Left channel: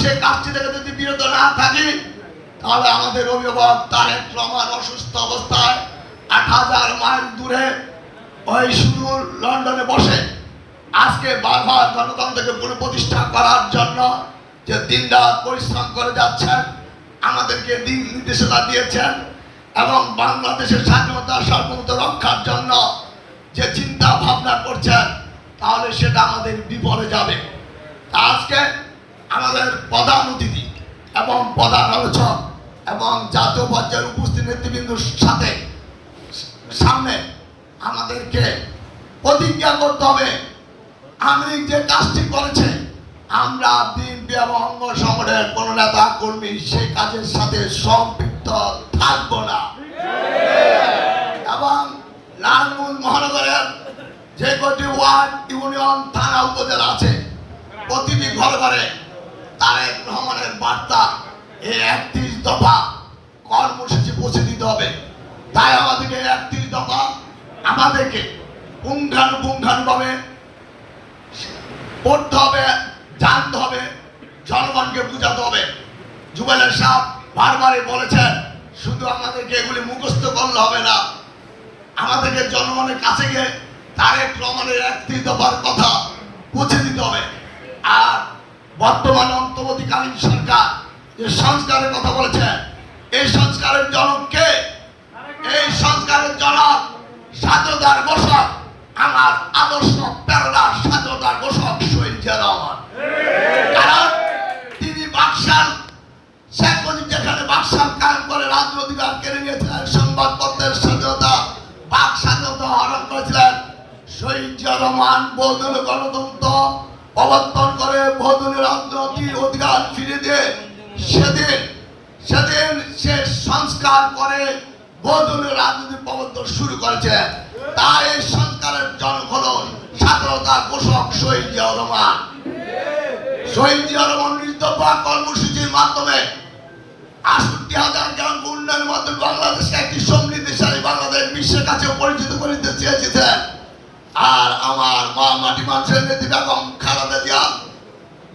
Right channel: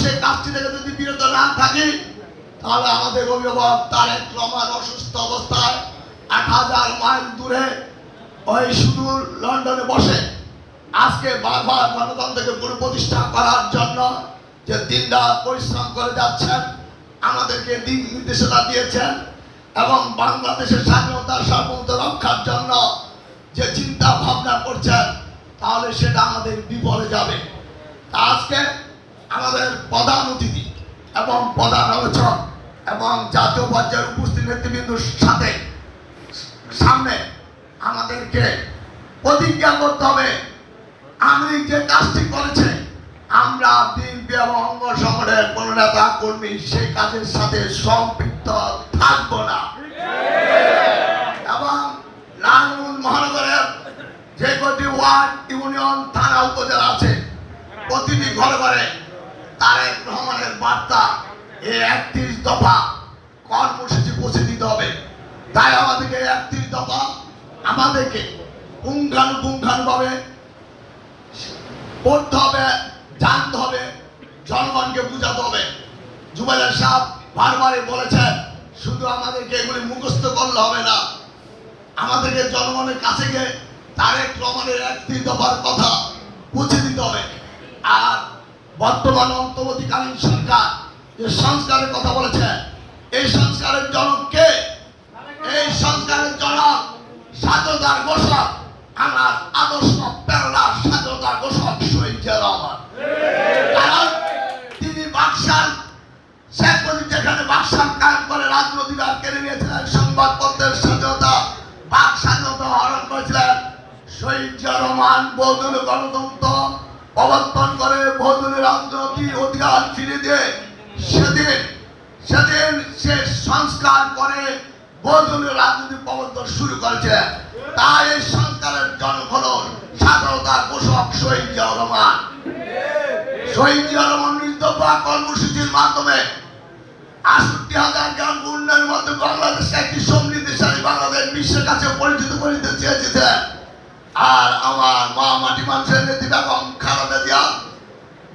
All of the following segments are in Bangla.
সেই কাজটি থেকে যদি বিরত না থাকি, তাহলে আমাদের অভিভাবক তারেক রহমান অসুস্থ অবস্থায় আট হাজার মাইল দূরে ওই সুদূর লন্ডনে বসে আজকে বারবার গণতন্ত্রকে পুনঃপ্রতিষ্ঠা করার জন্য যে দিনরাত পরিশ্রম করে যাচ্ছেন, আমাদেরকে দিন নির্দেশনা দিয়েছেন এবং বাংলাদেশের স্বাধীনতা সার্বভৌমত্ব রক্ষার জন্য যে চিন্তা ভাবনা করছেন, তাহলে সেটা আমাদের বিপদে যাবে। আজকে আমাদের প্রধান অতিথি এবং প্রধান আলোচক এবং জাতীয় পর্যায়ের উপস্থিত নেতৃবৃন্দুর সাথে সামনে আমাদেরকে প্রতিজ্ঞা করতে হবে। আমি যে কাজটি করেছে, আমরা বিএনপি এবং অঙ্গ সংগঠনের কোন নেতা কর্মী সেই কাজের সাথে সম্পৃক্ত থাকব না। এবং লালমুন মহানগরের যে কটি ওয়ার্ড ইউনিয়ন থানা উপজেলা আছে, প্রতিটি ঘরে ঘরে তারেক রহমানের বার্তা এই একত্রিশ দফা কর্মসূচি পৌঁছে দিতে হবে। তাই আমাদেরকে একত্রিশ দফা আমাদেরকে পুঙ্খানুপুঙ্খানুভাবে পড়তে হবে, জানতে হবে, জনগণকে বুঝাতে হবে। জুবেলের সাহ বারবারই বলেছেন, শুধু আমাদেরকে এগুলি মুখস্থ করলে হবে না। আমাদেরকে জনগণের কাছে গিয়ে তারেক রহমানের একত্রিশ দফার কথা পৌঁছে দিতে হবে। আর বর্তমান অন্তর্বর্তীকালীন সরকার যে সংস্কারের কথা বলেছে, এই সংস্কারের জনক কে? এই সংস্কারের জনক স্বাধীনতার ঘোষক, আমার আদর্শ প্রেরণা স্বাধীনতার ঘোষক শহীদ জিয়া রহমান। কারণ তিনি বাকশাল শেখ মুজিব যেখানে বাকশাল কায়েম করে রাজনৈতিক কেড়ে নিয়েছিলেন, সংবাদপত্রের স্বাধীনতা, বাক স্বাধীনতা হরণ করেছিলেন শহীদ জিয়া রহমান, বহুদলীয় গণতন্ত্র প্রবর্তন করে বহুদলীয় রাজনৈতিক অধিকার ফিরে দিয়ে সেদিন সেদিন সে সংস্কার করে বহুদলীয় রাজনীতি প্রবর্তন শুরু করেছে। তাই সংস্কারের জনক হল স্বাধীনতা ঘোষক শহীদ রহমান। শহীদ জিয়া রহমান নির্দফা কর্মসূচির মাধ্যমে আটষট্টি হাজার গ্রাম উন্নয়নের মাধ্যমে বাংলাদেশকে একটি সমৃদ্ধিশালী বাংলাদেশ বিশ্বের কাছে পরিচিত করে চেয়েছিলেন আর আমার মা মাটি মানুষের নেত্রী বেগম খালেদা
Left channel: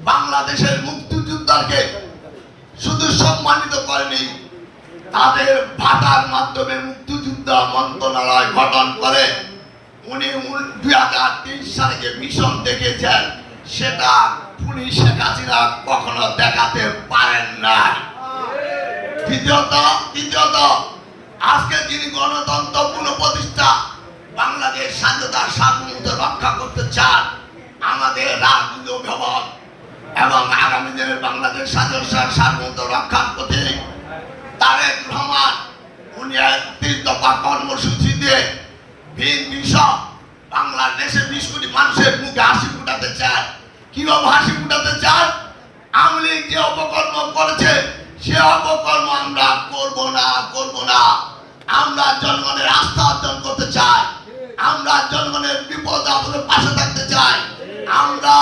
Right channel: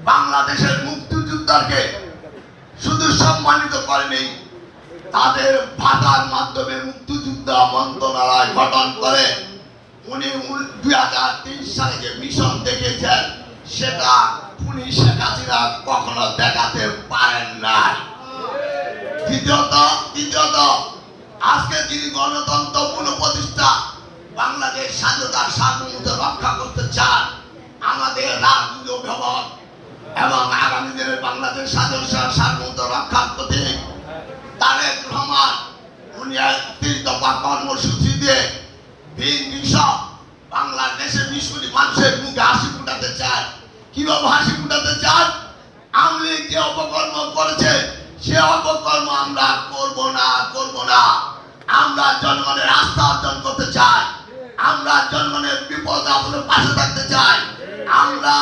বাংলাদেশের মুক্তিযোদ্ধাকে শুধু সম্মানিত করেনি, তাদের ভাতার মাধ্যমে মুক্তিযোদ্ধা মন্ত্রণালয় গঠন করে উনি দুই হাজার তিন সালে মিশন দেখেছেন, সেটা উনি শেখ হাসিনা কখনো দেখাতে পারেন না দ্বিতীয়ত তৃতীয়ত আজকে যিনি গণতন্ত্র পুনঃপ্রতিষ্ঠা বাংলাদেশ স্বাধীনতা সার্বভৌমত্ব রক্ষা করতে চান আমাদের রাজনীতি অভিভাবক এবং আগামী দিনে বাংলাদেশ স্বাধীনতা সার্বভৌমত্ব রক্ষার প্রতি তারেক রহমান, উনি একত্রিশ দফা কর্মসূচি দিয়ে ভিন বিষয় বাংলাদেশের বিশ কোটি মানুষের মুখে হাসি ফুটাতে চান। কীভাবে হাসি ফুটাতে চান? আওয়ামী লীগ যে অপকর্ম করেছে, সে অপকর্ম আমরা করব না করব না। আমরা আমরা জনগণের বিপদ আপদের পাশে থাকতে চাই। আমরা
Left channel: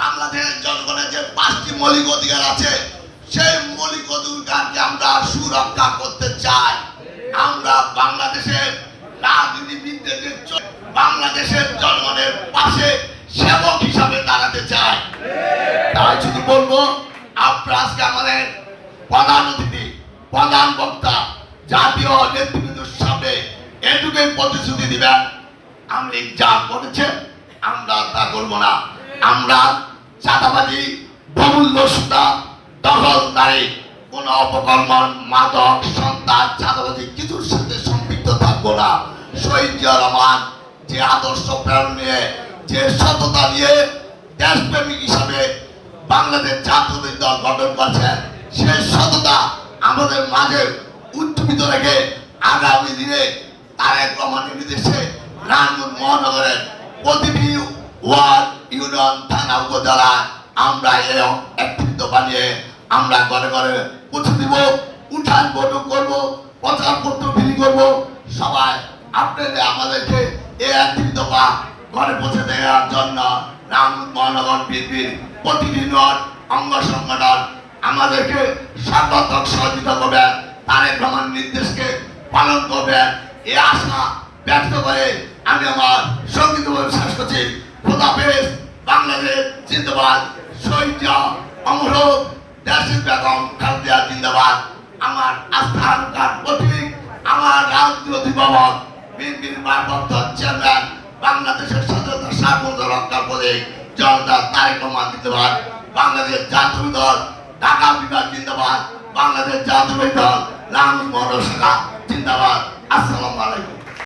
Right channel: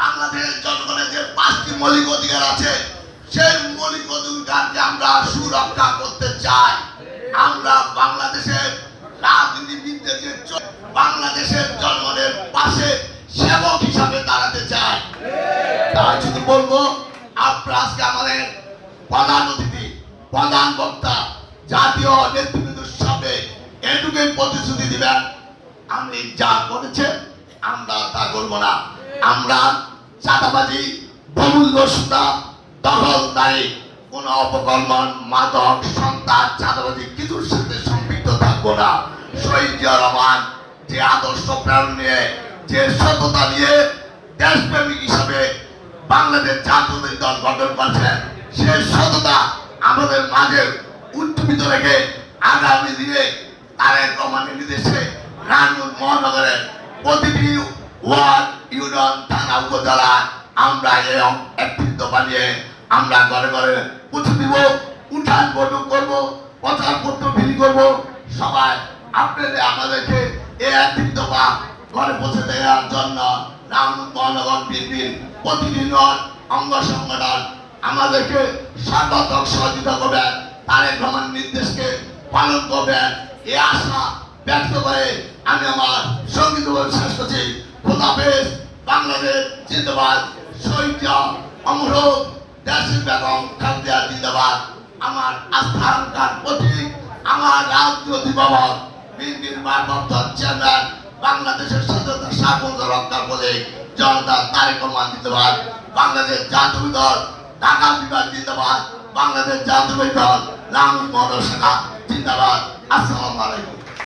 বাংলাদেশের জনগণের যে পাঁচটি মৌলিক অধিকার আছে, সেই মৌলিক অধিকারকে আমরা সুরক্ষা করতে চাই। আমরা বাংলাদেশের রাজনীতিবিদদের বাংলাদেশের জনগণের পাশে সেবক হিসাবে দাঁড়াতে চাই। তাই শুধু বলব, আপনারা আজকে আমাদের প্রধান অতিথি, প্রধান বক্তা, জাতীয় নেতৃবৃন্দর সামনে এটুকুই প্রতিশ্রুতি দিবেন। আমি যা করেছে, আমরা তা করব না। আমরা চাঁদাবাজি বহুল সুতা দখলদারি কোন অপকর্ম, মাদক সন্তান চাঁদাবাজি কিছুর সাথে সম্পৃক্ত থাকব না। শহীদ রহমান যে আদর্শ প্রেরণ নিয়ে, যে সততা নিয়ে দেশপ্রেমিক হিসাবে বাংলাদেশ জাতীয় দল গঠন করছেন সেই সততা আমাদের মাঝে উজ্জীবিত রেখে আগামী দিনে তারেক রহমানের নির্দেশে রাজুর মহানগরের প্রতিটি ওয়ার্ড, ইউনিয়ন, থানা উপজেলায় আমরা এই একত্রিত বানিয়ে আমরা ঘরে ঘরে পুঁছে দিব, উঠান বৈঠক করব পত্র বিলি করব। সবাই আপনাদের, আমাদেরকে এই একত্রিত বা ঘরে পৌঁছে দেওয়ার জন্য রাম মহানগর বিএনপির প্রতিটি নট অঙ্গ সংগঠন আমাদেরকে স্বাগত সহযোগিতা করবেন, তারেক রহমান নির্দেশকে পালন করবেন। এই আশা ব্যক্ত করে আমি আমার সংগীত শেষ করছি খোদাফেজ বাংলাদেশ জিন্দাবাদ, শহীদ অমর দেশের বেগম খালেদা জিন্দাবাদ। আমার আস্থানকার প্রতীক, আমার রাজ্য অধিভবন বিএনপির ভারপ্রাপ্ত চেয়ারম্যান, বাংলাদেশের স্বাধীনতা সার্বভৌমত্ব রক্ষা করে জনতা তারেক রহমান জিন্দাবাদ। বাংলাদেশ জাতীয় দল, ঢাকা বিভাগ জিন্দাবাদ। বাংলাদেশ জাতীয় দল রাম মহানগর শাখা জিন্দাবাদ। আসসালামু আলাইকুম।